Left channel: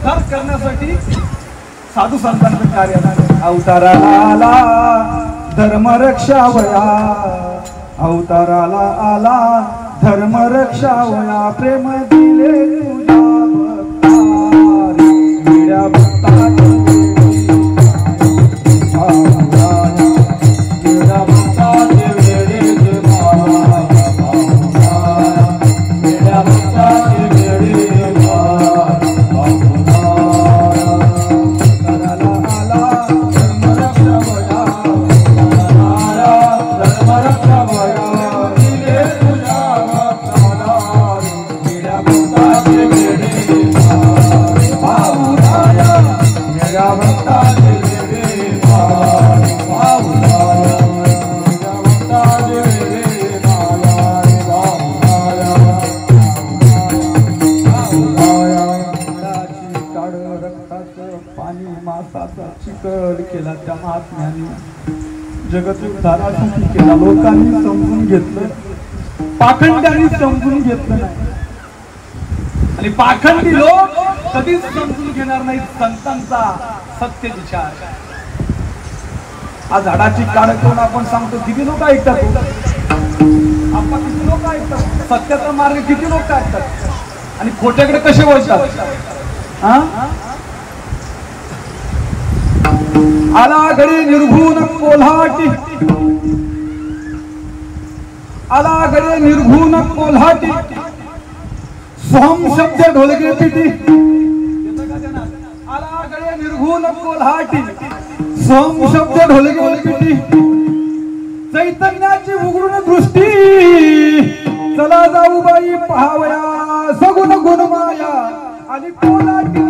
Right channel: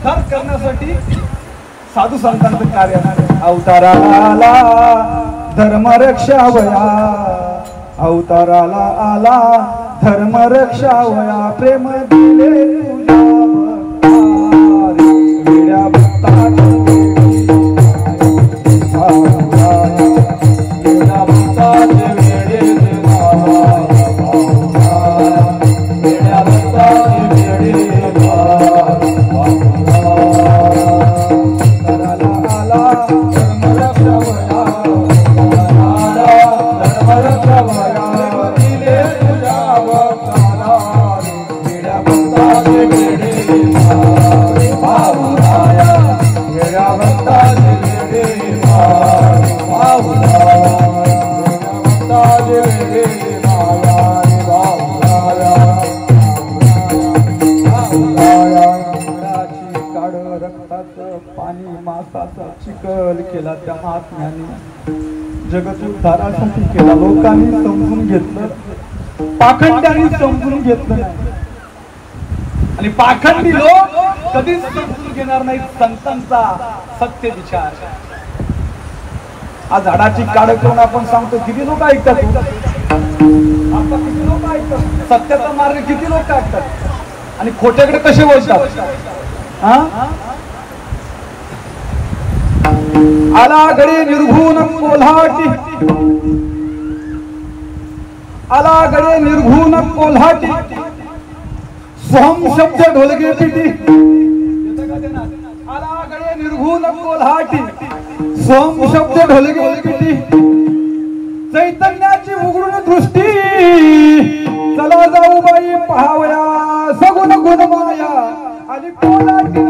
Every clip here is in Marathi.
उद्धार करण्यासाठी साधू संतांचं कार्य अवताराला धर्म रक्षावया अवताराला आला धर्म रक्षावया प्रेम दिले तुझ्या भक्ताला केला त्या महात्म्याने जगत उद्धारासाठी केला लोकांनी समजून घेतलं पाखंड्यांनी समजून घेतलं आणि पाखंडी लोक कधीच समजून घेणार नाहीत संतांचा सत्य विचार आज झाडाची काळ कोण आपण सांगतो किती लोक ऐकतात आपण किती लोक ऐकतात सत्याचा मार्ग किती लोक ऐकतात आणि खोट्याकडे कसे वळतात आला गडे निर्घुण कोल्हाटी आला गडे निर्घुण कोल्हाटी सोहम शब्द ढोलके पिटी आला गडे निर्घुण कोल्हाटी सोहम शब्द ढोलके पिटी चैतन्याची उघडून दृष्टी चला जाऊ बाई पहावया सगुण गुण माया आणि कोल्हाटी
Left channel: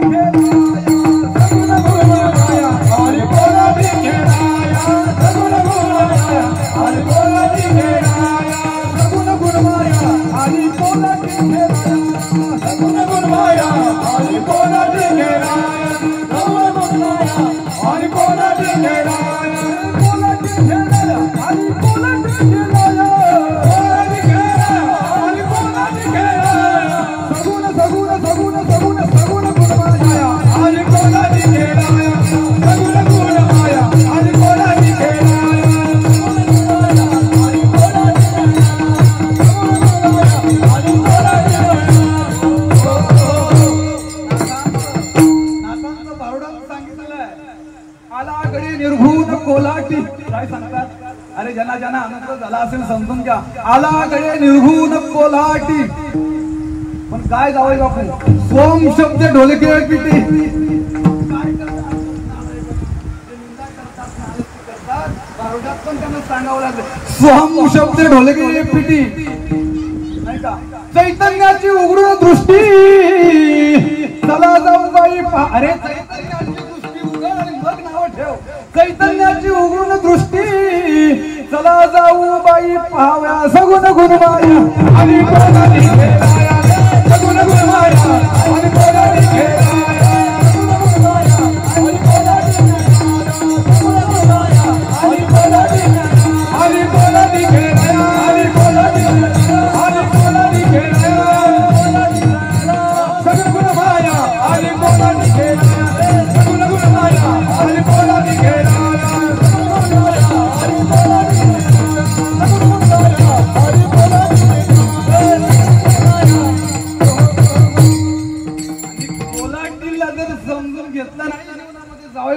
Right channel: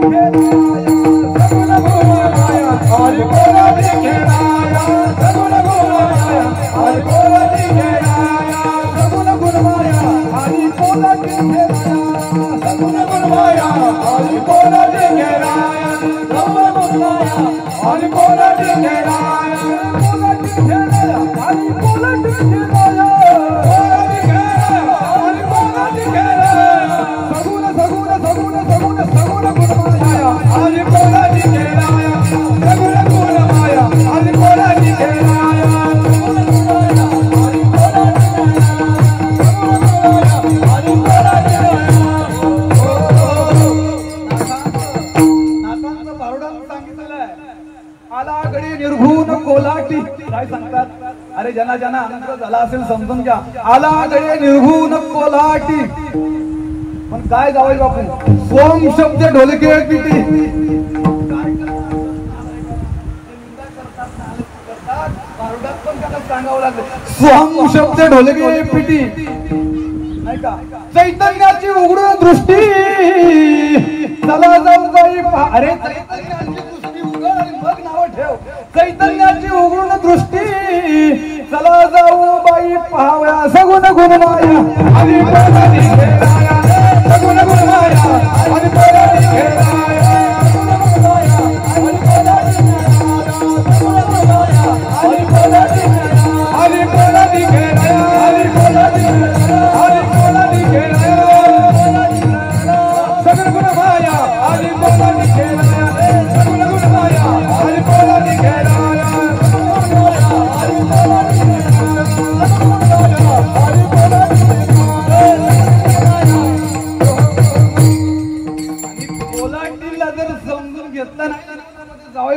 अरे जना जना आनंद झाला असेल समजून घ्या आला गडे निर्घुण कोल्हाटी पण काय जावई बापू सोम शब्द ढोलके पिटी काय करतात पण त्यांना सांगावं लागलं सोम शब्द ढोलके पिटी नाही का चैतन्याची उघडू दृष्टी चला जाऊ बाई अरे चैतन्याची उघडून दृष्टी चला जाऊ बाई पहावया सगुण गुण माया आणि सगुण गुण माया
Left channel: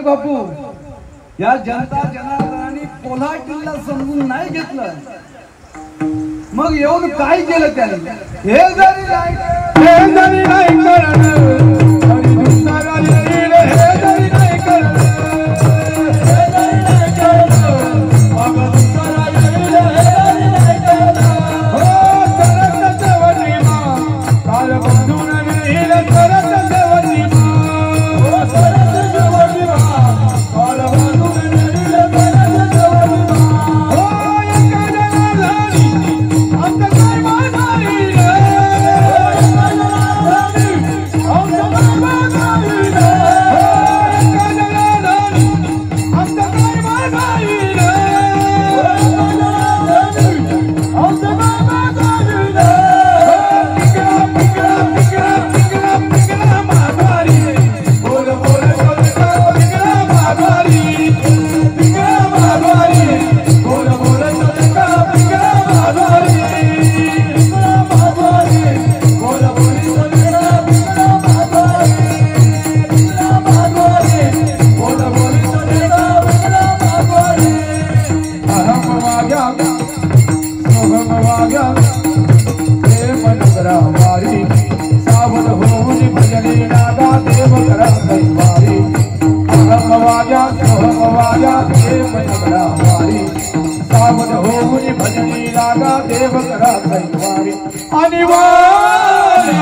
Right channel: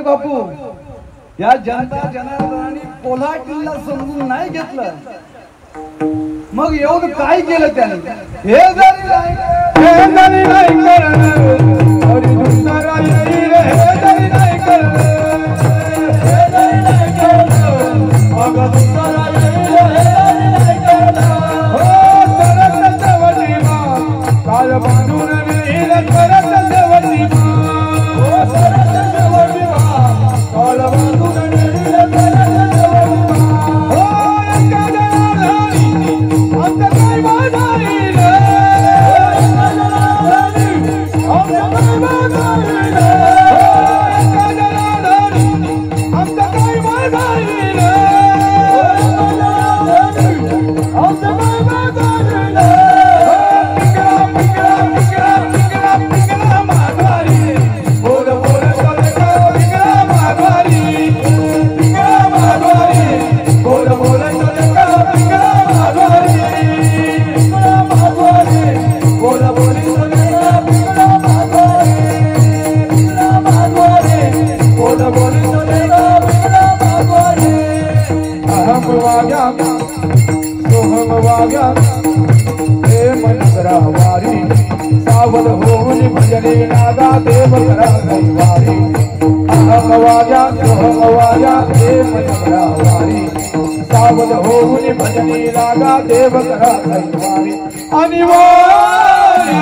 बापू या जनता जनार्दनाने कोल्हाटीला समजून नाही घेतलं मग येऊन काय केलं त्याने हे जरी आणि वारी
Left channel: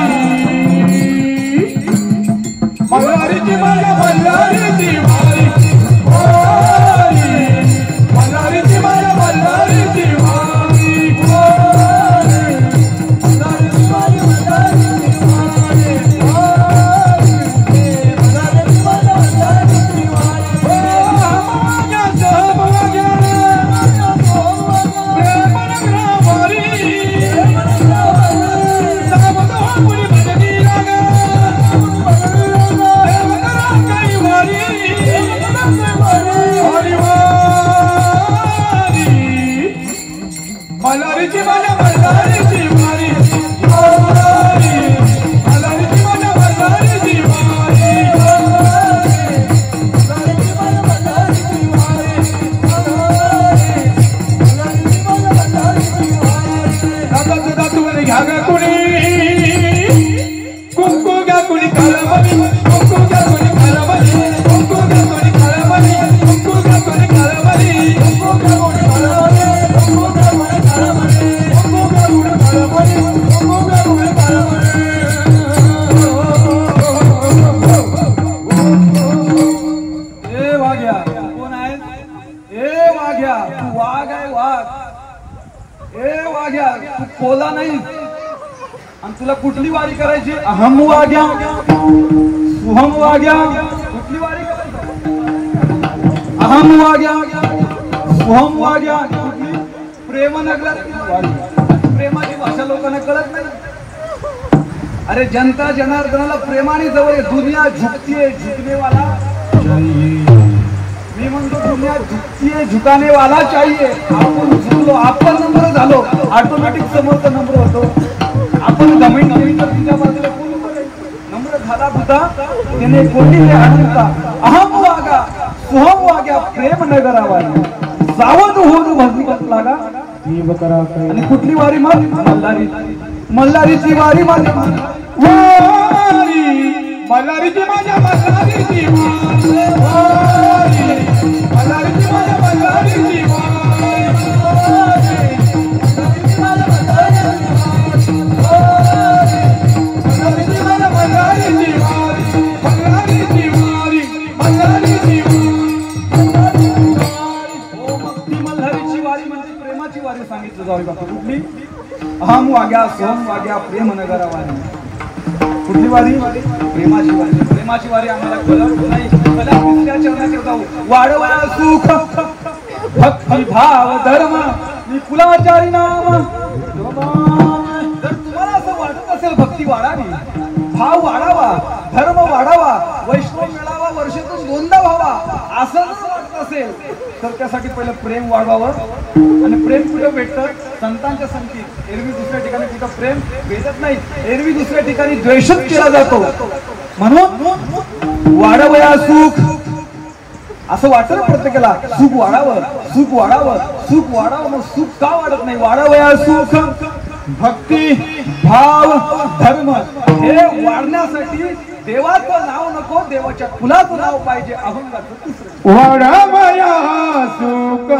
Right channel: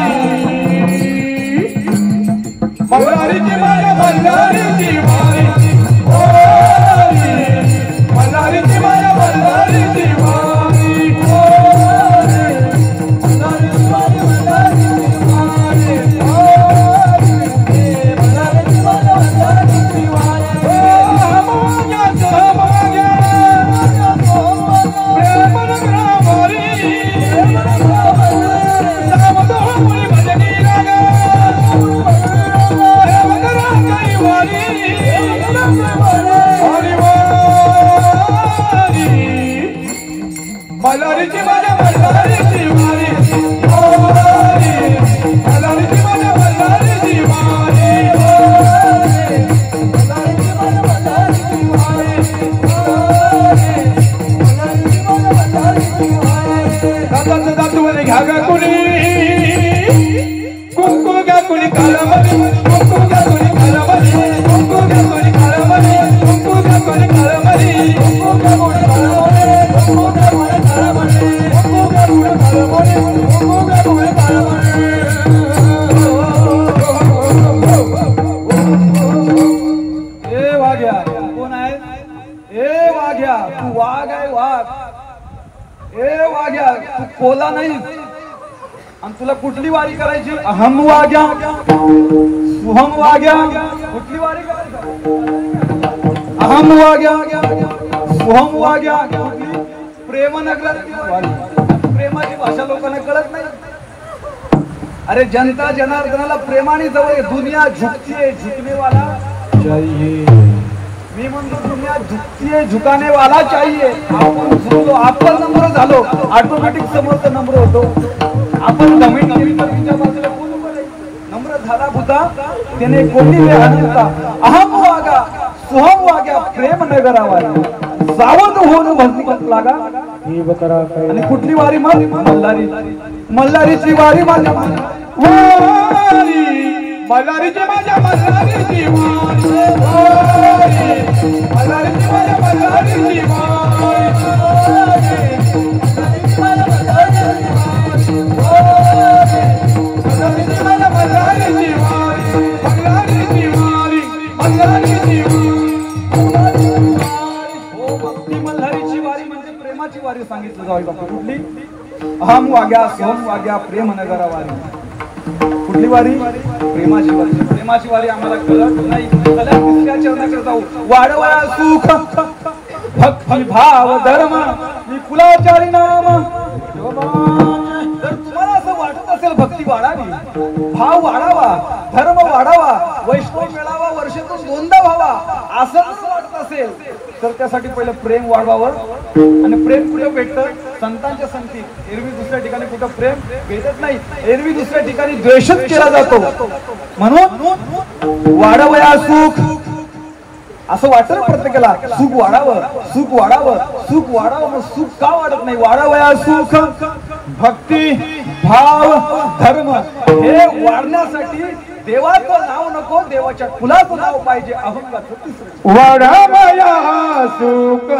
मल्हारीची वारी मल्हारीची वारी मल्हारीची वारी मल्हारीची कोला नाही आणि तुला कुठली वारी करायची अहम वाग्या सुहम वाग्या कुठली वारी अहम वाग्या सुहम वाग्या कुठली प्रेमनगर प्रेमाची भाषा लोकांना कळत नाही अरे जनता जनार्दनाला प्रेमाने जवळ दुनिया झुकतीये झुकने वाला चाहिए मी म्हणतो दुनिया झुकतीये झुकाने वाला चाहिए आपण झुकलो आपला नंबर झालो ऑटोमॅटिक समोरचा नंबर होतो आपण जमीन तुमच्या बाजूला नंबर झाला होता त्याने कोणी का अहम वागा सुहम वाग्या प्रेम नगरा वाला जावं होऊन भक्ती लागा देव करा आणि कुठली वारी मग मल्हारी मल्हारीची वारी माझ्या वारी मल्हारीची माझ्या मल्हारीची वारी मल्हारीची माझ्या मल्हारीची अहम वाग्या सोहम वाग्या प्रेम नगरा वारी कुठली वारी प्रेमाची वारी आम्हाला कळत नाही चला दुसऱ्या चरणाकडे जाऊ वाढवा सुख भक्ती भाव धर्म कुलाचारी नाम जर तुम्हाला असं वाटत असेल भक्ती वाढावी भाव वाढावा धर्म वाढावा वैष्णव मेळावा वर्षातून दोनदा व्हावा असं वाटत असेल तर त्यासाठी पहिलं प्रेम वाढवावं आणि प्रेम कुठे भेटतं संतांच्या संगतीत एरवी दुसऱ्या ठिकाणी कुठं प्रेम भेटत नाही एरवी दुसऱ्या ठिकाणी द्वेषच केला जातो म्हणून वाढवया सुख असं वाटत प्रत्येकाला सुख वाढावं सुख वाढावं सुख वाढावं मग सुख का वाढत नाही वाढवया सुख भक्ती भाव धर्म हे वाढण्यासाठी देवाचं नाव नको देवाच्या कुलाचं नाव पाहिजे अहंकार वाढवया सुख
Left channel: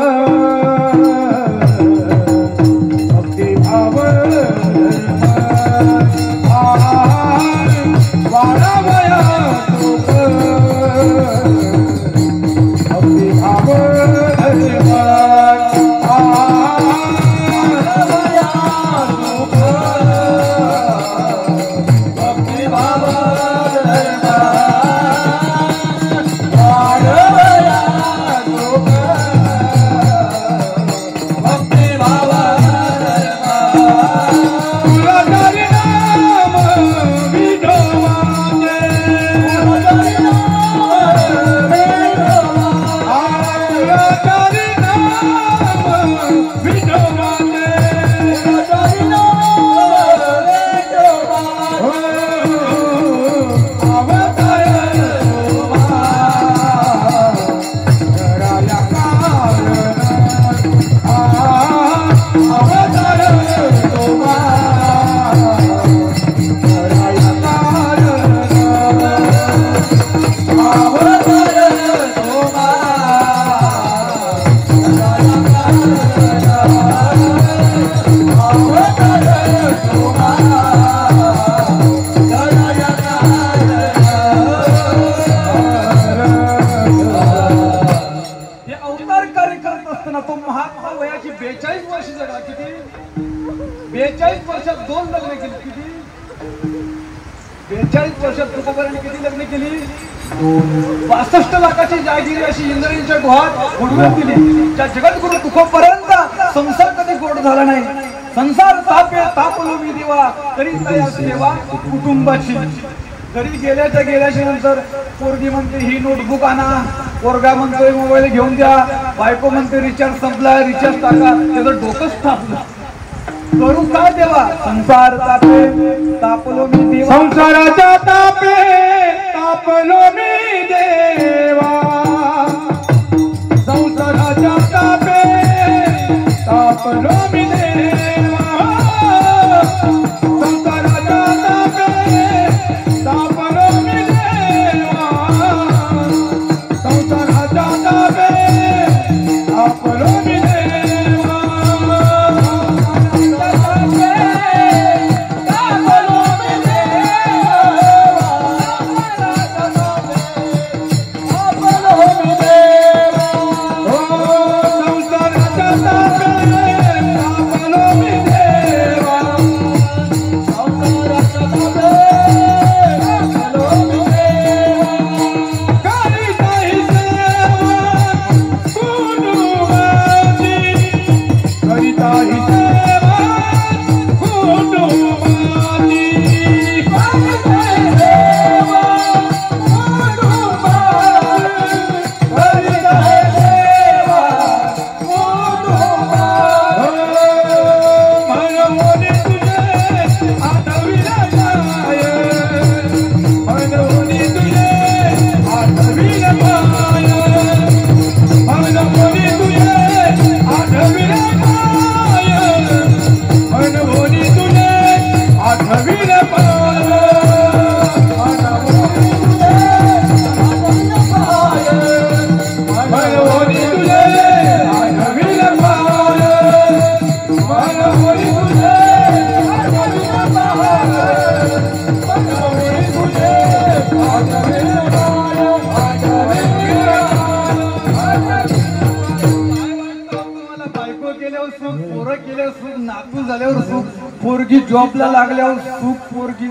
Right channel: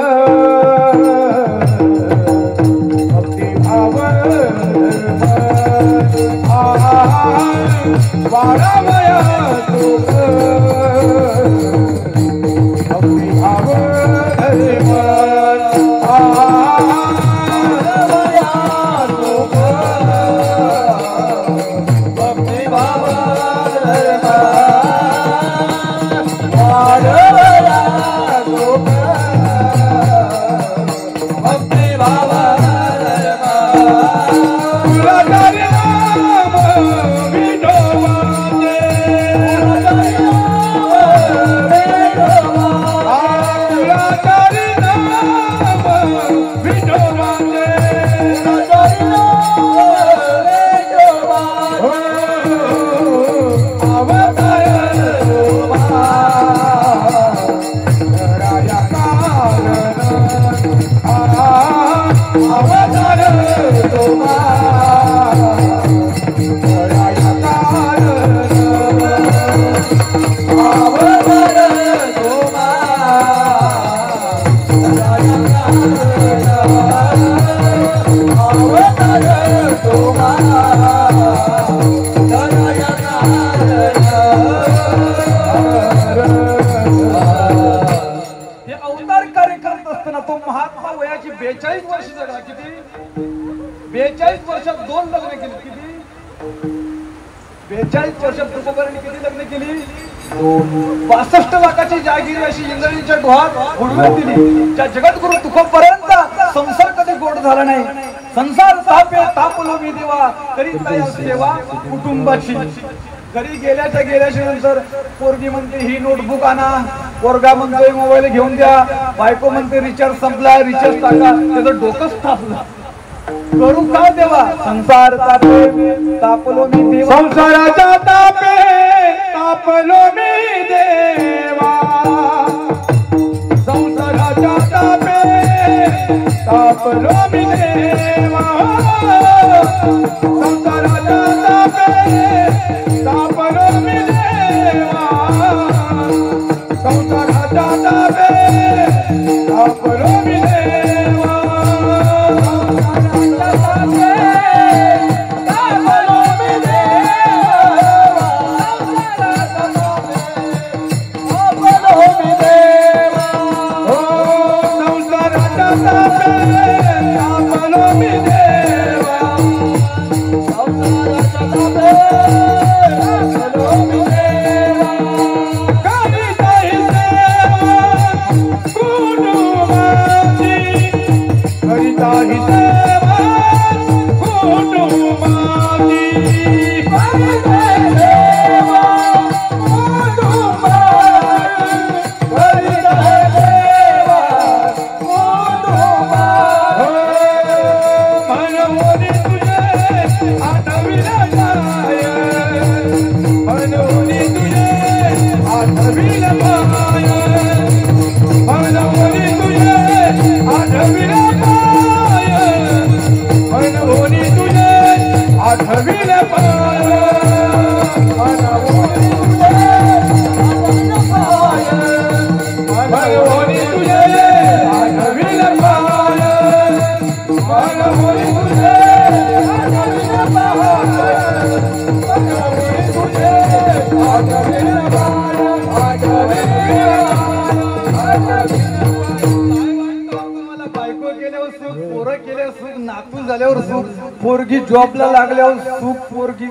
भक्ती भाव वाढवया सुख भक्ती भाव 2 लग्न केली. किती? 42 वर्षात तुकोबारांनी किती लग्न केली? 65 लाखाची जागिरी अशी इंद्रायणीच्या गुहात बुडवून दिली. त्या जगद्गुरु तुकोबारांचा संसार कधी गोड झाला नाही. संसार तापलो मी देवा तरी तया सेवा कुटुंबाची. घरी गेल्याच्या नंतर पोरगी म्हणते ही नोटबुक आणा, पोरगा म्हणतोय मोबाईल घेऊन द्या, बायको म्हणते रिचार्ज संपला, रिचार्ज टाका. त्याचं डोकंच टाकलं. करू काय देवा? संसार तापलो मी देवा, संसाराचा तापे तापलो मी देवा, संसाराचा तापे तापलो मी देवा, संसाराचा तापे तापलो मी देवा, संसाराचा तापे तापलो मी देवा. पोरगी जॉबला लागल्यावर सुख, पोरगी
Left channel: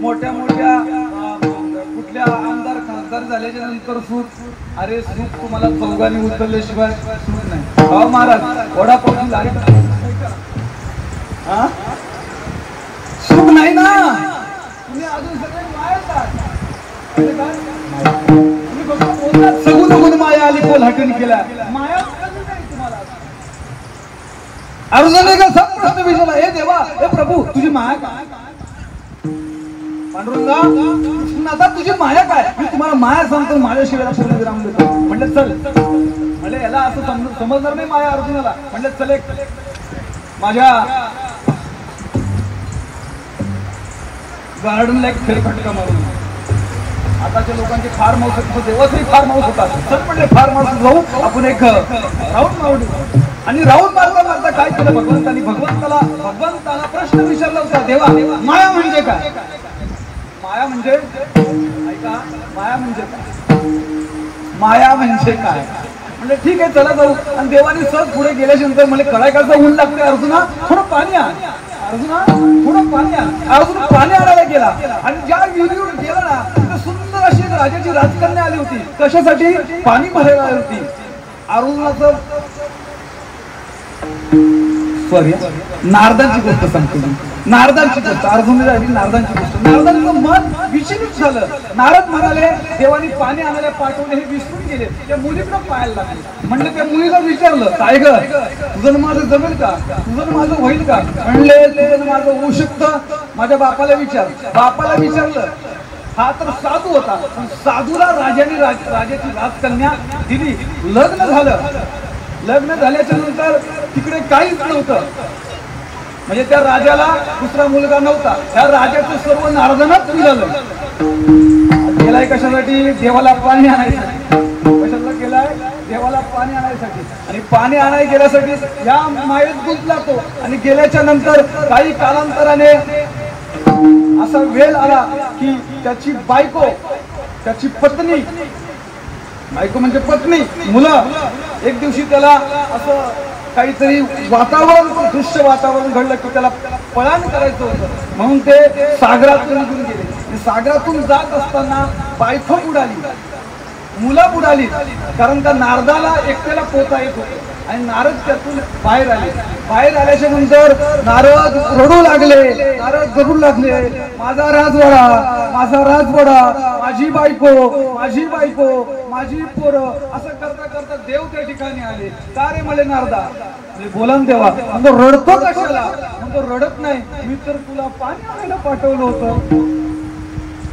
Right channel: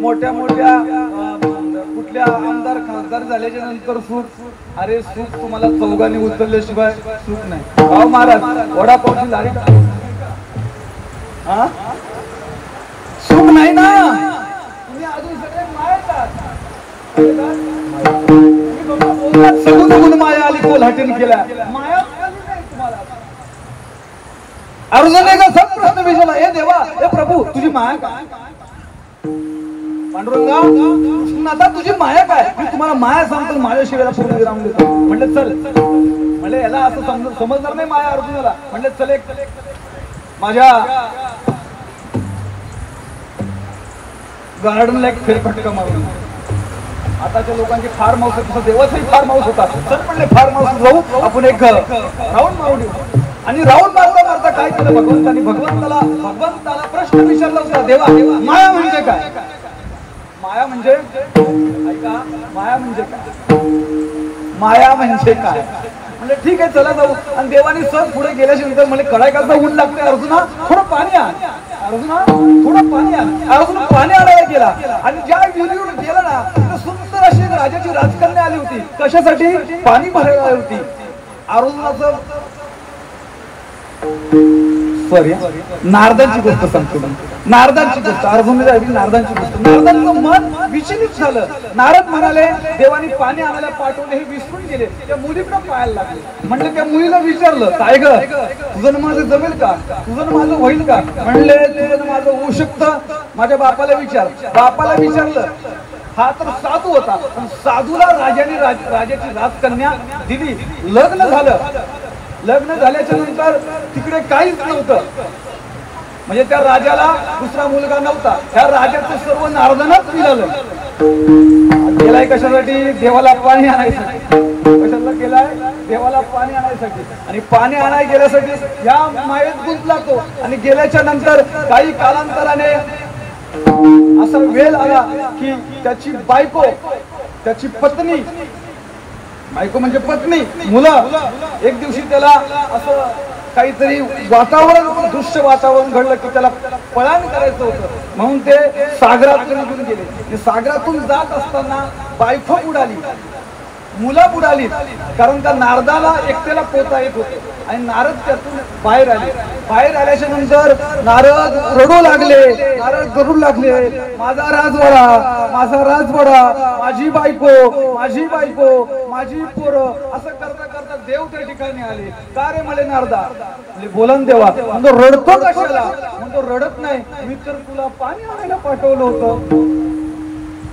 मोठ्या कुठल्या आमदार खासदार झाल्याच्या नंतर सुख. अरे सुख तुम्हाला चौघांनी उचलल्याशिवाय सुख नाही. भाऊ महाराज वडापासून सुख नाही ना. तुम्ही अजून सगळे सगळं माया आली कल हटन केला. माया अर्जुनाने का सब विचारला, हे देवा हे प्रभू तुझी माया काय? पांडुरंगा कृष्णाचा तुझी माया काय? मी तुम्हाला माया सांगतो, माझ्या शिवायला पूर्ण विराम देतो. म्हणलं चल. म्हणजे याला असं समजलं नाही माया अर्जुनाला. म्हणलं चल एक माझ्या गार्डनला एक फेरफटका मारून. आताच्या लोकांची फार्म हाऊस होती, देवाचंही फार्म हाऊस होता. चल म्हणले फार्म हाऊस जाऊ आपण एक राऊंड मारू. आणि राऊंड मारता काय केलं भगवंताला प्रश्न विचारला होता, देवा माया म्हणजे काय? माया म्हणजे ऐका, माया म्हणजे काय? माया म्हणजे काय? म्हणजे ठीक आहे चला जाऊ. आणि देवाने सर पुढे गेल्याच्या नंतर मला कळाय करता ऊन लागते. अर्जुना थोडं पाणी आण, अर्जुना थोडं पाणी आण. अर्जुन पाणी आणायला गेला आणि ज्या विहिरीवर गेला ना तिथे सुंदर अशी राजाची राजकन्या आली होती. कशासाठी? पाणी भरायला आली होती. अर्जुनाचं नारदांची गोष्ट सांगतो. नारदांची गोष्ट अर्जुनाची नारदांची गोष्ट. नारदांचं मन विचलित झालं. नारद म्हणाले देवानी पाणी आणायला पाठवले, हे विसरून गेले. त्या मुलीकडे पाहायला लागले. म्हणलं त्या मुलीला विचारलं, काय ग तुझं माझं जमेल का? तुझं माझं होईल का? म्हणले तुझं माझं होऊ शकतं. माझ्या बापाला विचार. बापाला विचारलं. हा तर साधू होता, पण साधूला राजाने राजाची राजकन्या दिली. लग्न झालं. लग्न झाल्याच्या नंतर तिकडे काहीच नव्हतं. म्हणजे त्या राजाला दुसरा मुलगा नव्हता. त्या राजाचं सर्व नारदांनाच मिळालं. गेलाय कशासाठी? देवाला पाणी आणायसाठी. कशाला गेलाय? देवाला पाणी आणायसाठी. आणि पाणी आणायला गेल्यासाठी या मायेत गुंतला तो. आणि गेल्याच्या नंतर काही कालांतराने असा वेळ आला की त्याची बायको, त्याची पत्नी, बायको म्हणजे पत्नी, मुलं एक दिवशी त्याला असं काहीतरी वातावरण दृश्य वातावरण घडलं की त्याला पलायन करायचं होतं म्हणून ते सागरात निघून गेले. सागरातून जात असताना बायको उडाली, मुला उडाली, कारण त्या नारदाला एकट्याला पोहता येत होते आणि नारद त्यातून बाहेर आले. बाहेर आल्याच्या नंतर नारद रडू लागले, नारद रडू लागले, माझा राजवाडा, माझा राजवाडा, माझी बायको, माझी बायको, माझी पोरं, असं करता करता देव त्या ठिकाणी आले. का रे म्हणे नारदा? बोलन देवा. म्हणजे रडतो कशाला? म्हणजे रडत नाही, मी तर तुला पाणी आणायला पाठवलं होतं.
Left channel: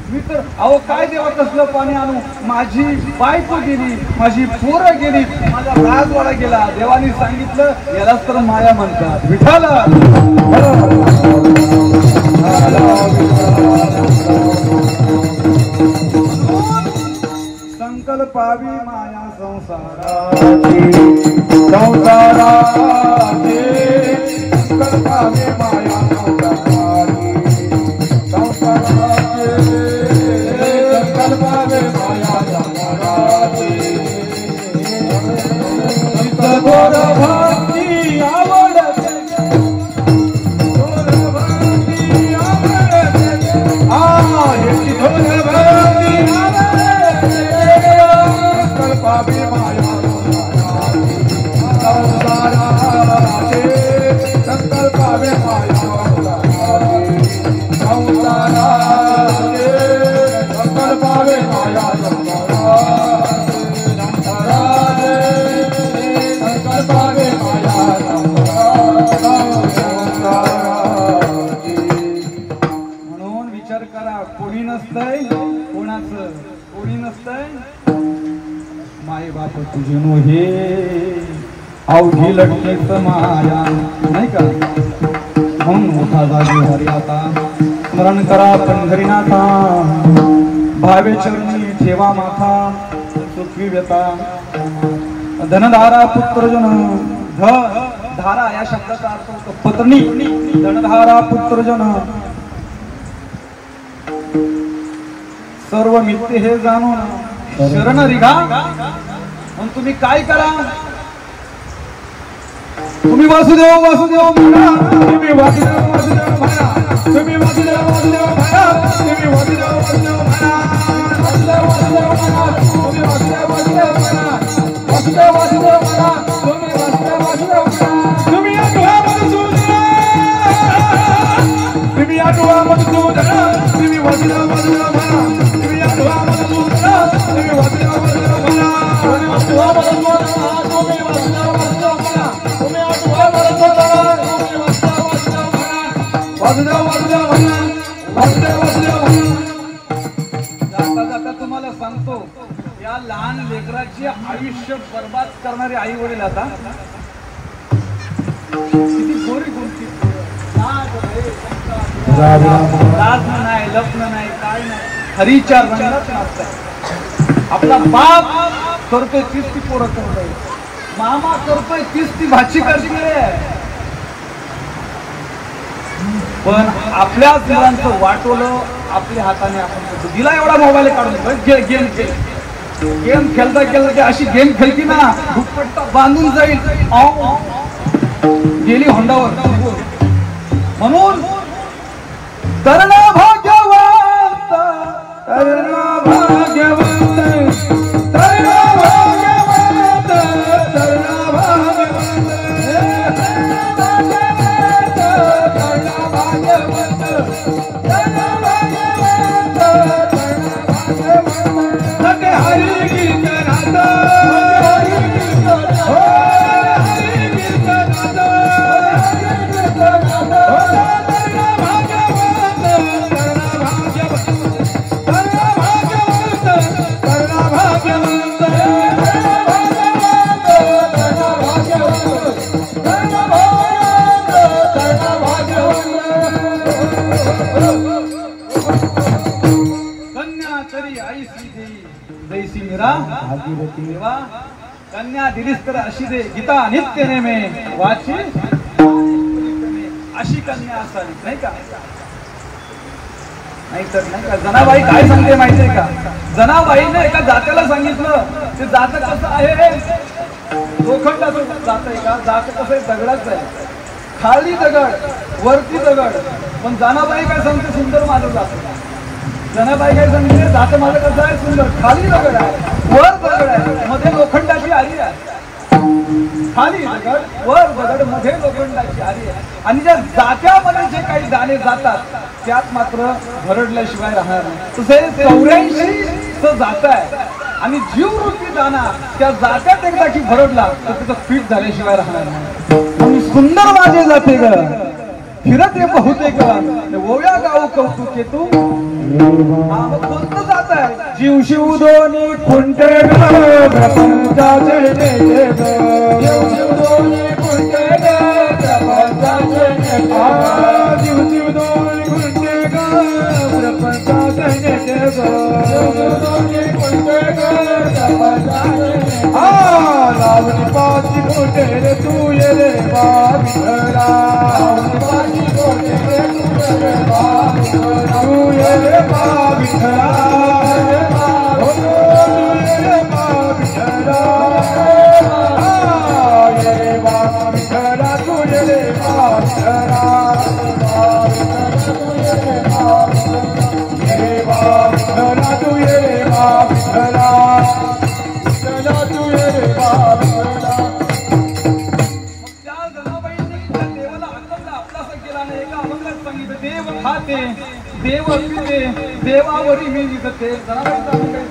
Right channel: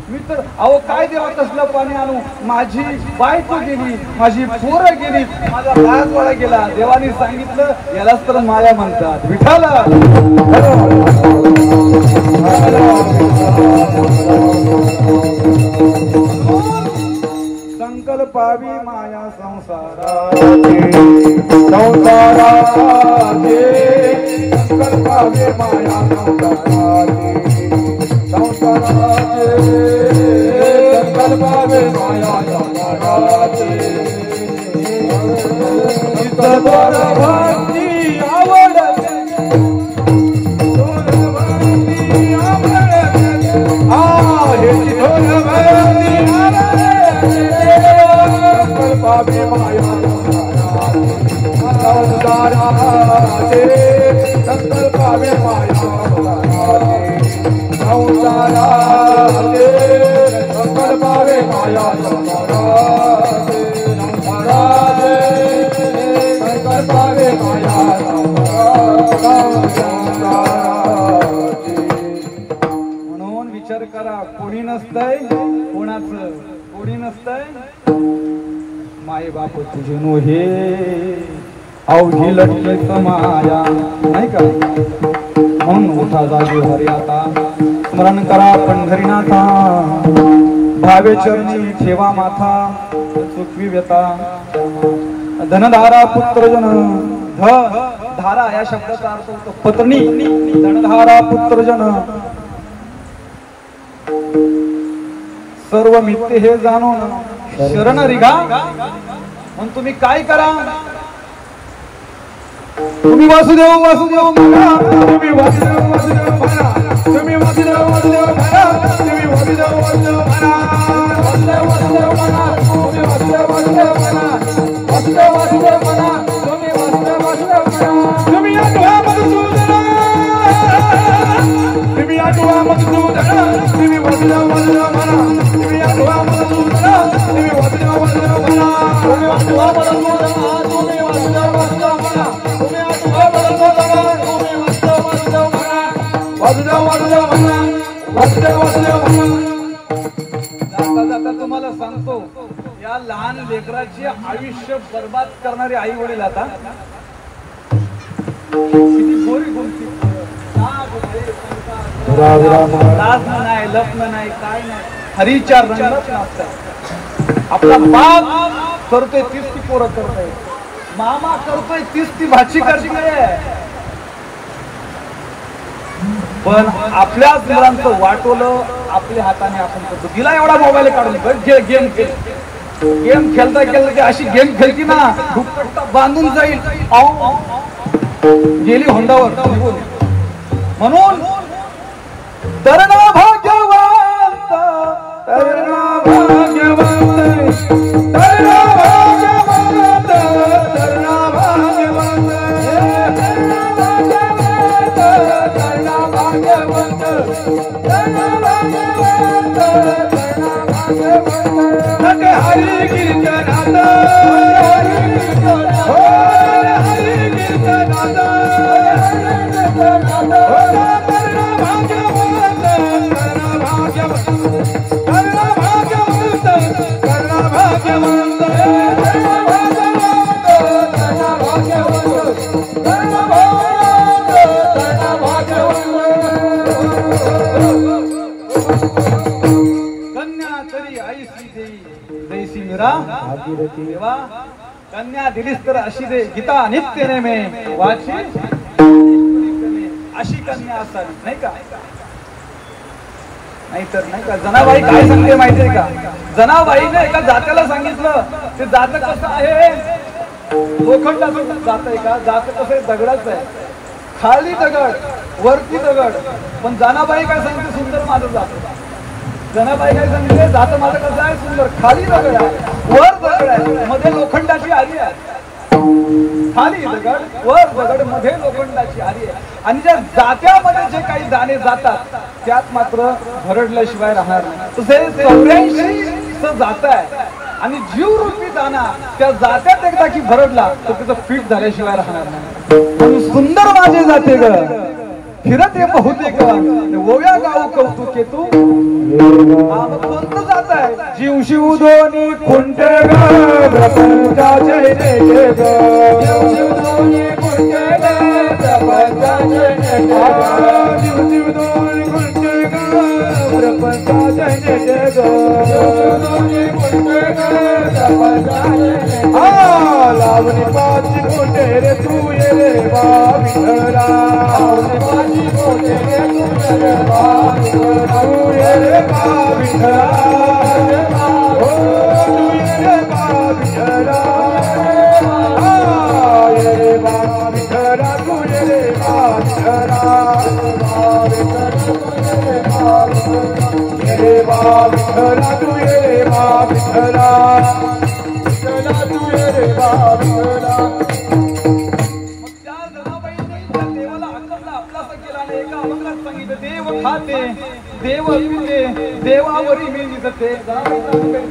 मी तर अहो काय देवा कसलं पाणी आणू? माझी बायको गेली, माझी पोरं गेली, माझा राजवाडा गेला. देवानी सांगितलं यालाच तर माया म्हणतात. विठाला संकल्पावी माया संसाराची, संसाराची संकल्पावी माया संसाराची, संकल्पावी माया संसाराची. चित्तबोध भक्ती आवडते, कोणी नसतंय कोणाचं, कोणी नसतंय माय बाप तुझे नो हे अवघी लटकेच माया, नाही का? म्हणून मोठा जागेवर आता स्मरण करा पंढरीनाथा, भावे चरणी ठेवा माथा, सुखवी व्यथा. धनधारा पुत्रजन, धारा या शब्दाचा अर्थ होतो पत्नी. धनधारा पुत्रजन सर्व मित्य हे जाणून शरण रिघा. म्हणून तुम्ही काय करा? तुम्ही वासुदेव वासुदेव म्हणा, तुम्ही वासुदेव वासुदेव म्हणा, तुम्ही वासुदेव वासुदेव म्हणा, तुम्ही वासुदेव वासुदेव म्हणा, वासुदेव वासुदेव म्हणा, तुम्ही वासुदेव वासुदेव म्हणा, वासुदेव वासुदेव म्हणा, तुम्ही वासुदेव वासुदेव म्हणा. तुम्ही या डोळ्यामध्ये तुम्ही या डोळ्यामध्ये तुम्ही वासुदेव वासुदेव म्हणा, तुम्ही या डोळ्यामध्ये तुम्ही वासुदेव वासुदेव म्हणा, तुम्ही वासुदेव वासुदेव म्हणा, तुम्ही वासुदेव वासुदेव म्हणा, तुम्ही वासुदेव वासुदेव म्हणा, वासुदेव वासुदेव म्हणा. जाता जाता तुम्हाला सांगतो, या लहान लेकराचे आयुष्य बर्बाद करणारे आई वडील आता किती गोरी गोमती, लाजणं नाही, लपणं नाही, काय नाही, हरीच्या रंगात नाचताय. आपला बाप करतोय तीच ती पोरं करताय, मामा करतोय तीच ती भाची करते. पण आपल्याच मुलांचं वाटवलं आपल्या हाताने आपण करतो. दिला एवढा मोबाईल काढून गेम खेळ, गेम खेळता खेळता की अशी गेम खेळती ना दुपट्टा बांधून जाईल, गेली होंडावर निघून. म्हणून तरणा भाग्यवंत, तरणा भाग्यवंत, तरणा भाग्यवंत, तरणा भाग्यवंत, तरणा भाग्यवंत, तरणा भाग्यवंत. हरी कीर्तनात, कन्या दिलीस तर अशी दे, गीता नित्य नेमे वाची, अशी कन्या असावी, नाही का? नाहीतर नाही का? जनाबाई काय सांगते माहितीये का? जनाबाईने एका जात्याला सांगितलं, ते जात कसं आहे लोखंडाचं जात आहे का? जात कसं दगडाच आहे, खाली दगड वरती दगड. पण जनाबाई काय सांगते? सुंदर माझं जात. जनाबाई काय सांगते? जात माझं कसं आहे? सुंदर. खाली दगड आहे, वर दगड आहे, मध्ये लोखंडाची आरी आहे. खाली दगड, वर दगड, मध्ये लोखंडाची आरी आहे. आणि त्या जात्यामध्ये जे काही दाणे जातात त्यात मात्र भरडल्याशिवाय राहणार नाही. तसे 84 जात आहे आणि जीवरूपी दाना त्या जात्यात एकदा की भरडला तर त्याचं पीठ झाल्याशिवाय राहणार नाही. सुंदर माझे जाते ग फिरते बहुतेक ओव्या गाव कौतुके तू. कोणतं जात आहे? जीव शिव दोन्ही खुंटे लावणी पाची मोठे रे तू ये रे बाबिरा. लावणी पाची मोठे रे तू ये रे बाबिरा. देव पिते देवावरी मी निजते.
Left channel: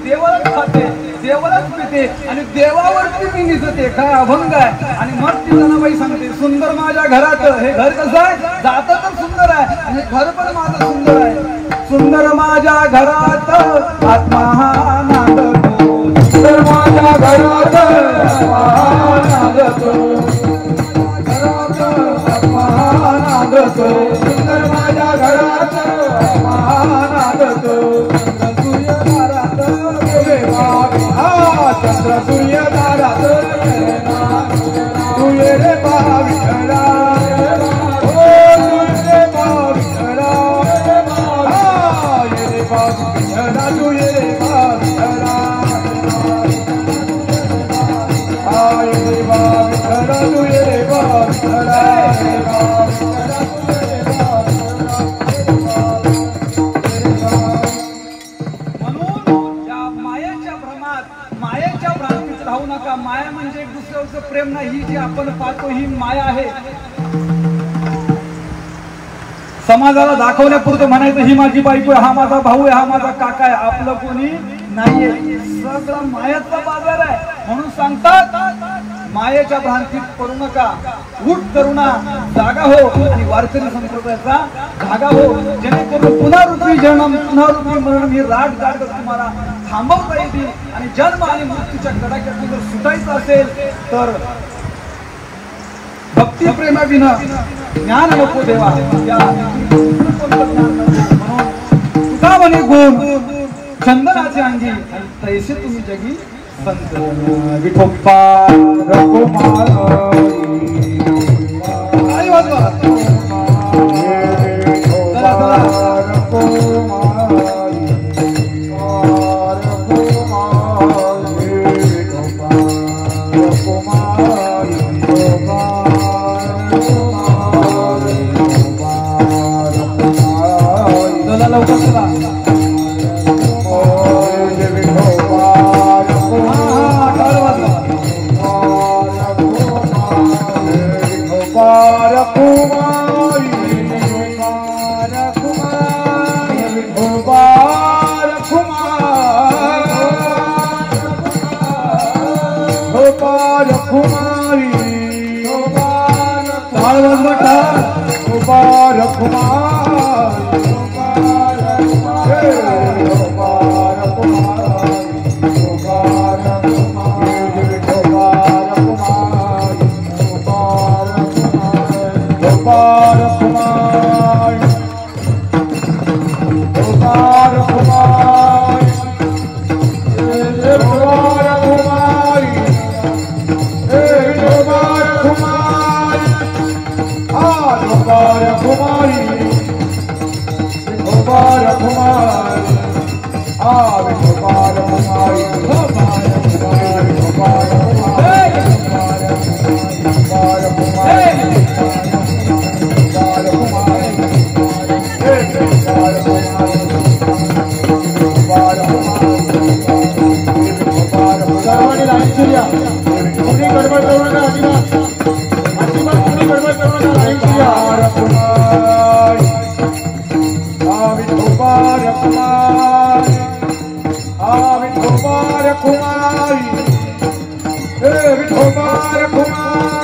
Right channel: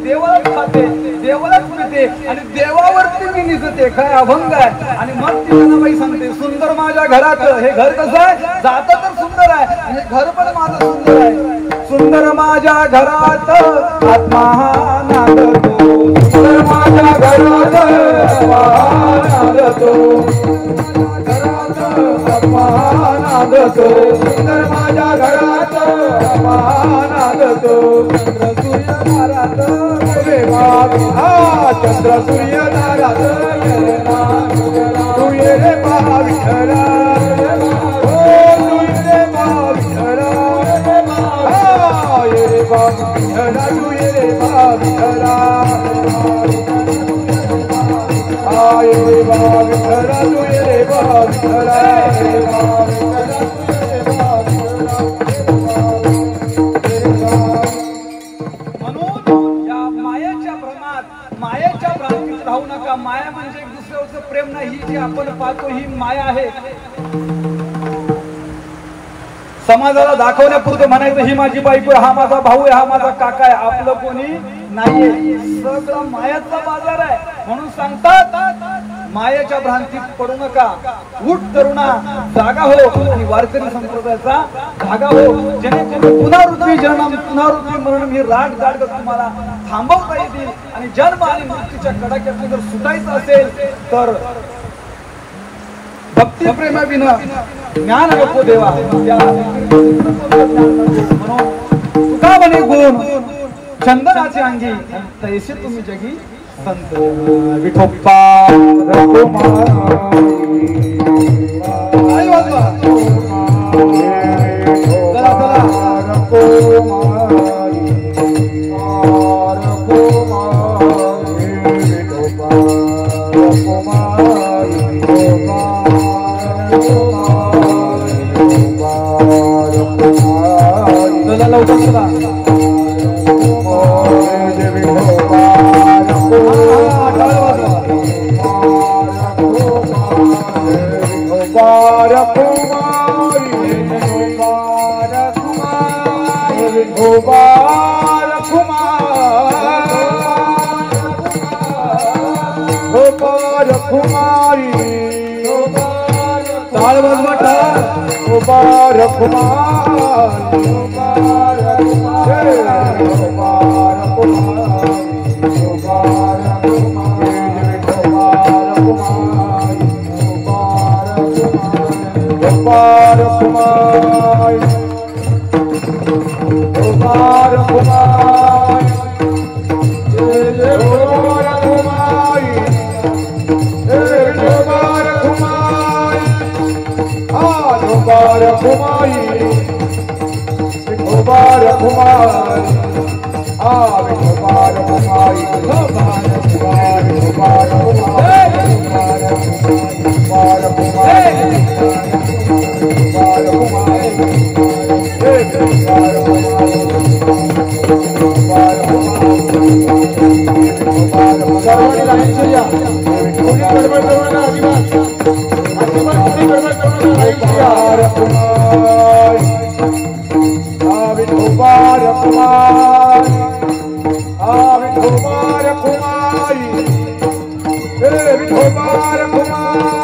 देवालाच खाते, देवालाच पिते आणि देवावरती मी निजते. काय अभंग आहे. आणि मग ती जनाबाई सांगते सुंदर माझ्या घरात. हे घर कसं आहे? जात तर सुंदर आहे आणि घर पण माझं सुंदर आहे. सुंदर माझ्या घरात आत्मा नांदतो. सुंदर माझ्या घरात आत्मा नांदतो. घरात आत्मा नांदतो. सुंदर माझ्या घरात चंद्र सूर्य दारात तू ये रे बाविठला. तू ये रे बाविठला. ये रे बाविठला. तू ये रे बाविठला. ये रे बाविठला. तू ये रे बाविठला. माया म्हणजे एक दुसऱ्याचं प्रेम नाही. ही जी आपण पाहतो ही माया आहे. समाजाला दाखवण्यापुरतं म्हणायचं ही माझी बायको, हा माझा भाऊ आहे, हा माझा काका आहे. आपलं कोणी नाहीये. सगळा मायाचा बाजार आहे. म्हणून सांगतात मायेच्या भ्रांतीत पडू नका. उठ तरुणा जागा हो. ही वारकरी संप्रदायाचा जागा हो. जेणेकरून पुनरुत्ती जन्म पुनरुत्ती मरण ही राट गाड तुम्हाला थांबवता येतील. आणि जन्म आणि मृत्यूच्या कडाक्यातून जर सुटायचं असेल तर भक्ती प्रेमाविना ज्ञान नको देवा. तुका म्हणे गुण चंदनाचे अंगी तैसे तुम्ही जगी संत. विठोबा सर्वांनी लाईन सूर्या कोणी गडबड करू नका अजिबात कोणी गडबड करू नका लाईन सूर्या विठोबार कुमारी विठोबार कुमारी विठोबार कुमारी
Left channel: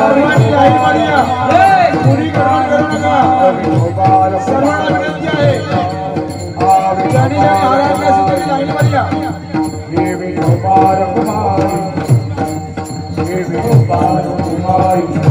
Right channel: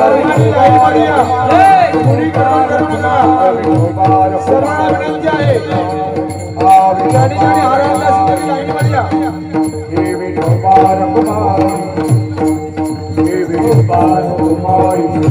सर्वांनी लाईन मारूया कोणी गडबड करू नका सर्वांना विनंती आहे ज्याने ज्याने आराधना असेल त्यांनी लाईन मारूया विठोबार कुमारी विठोबार कुमारी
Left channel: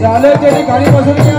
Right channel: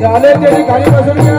झाले त्यांनी खाली बसून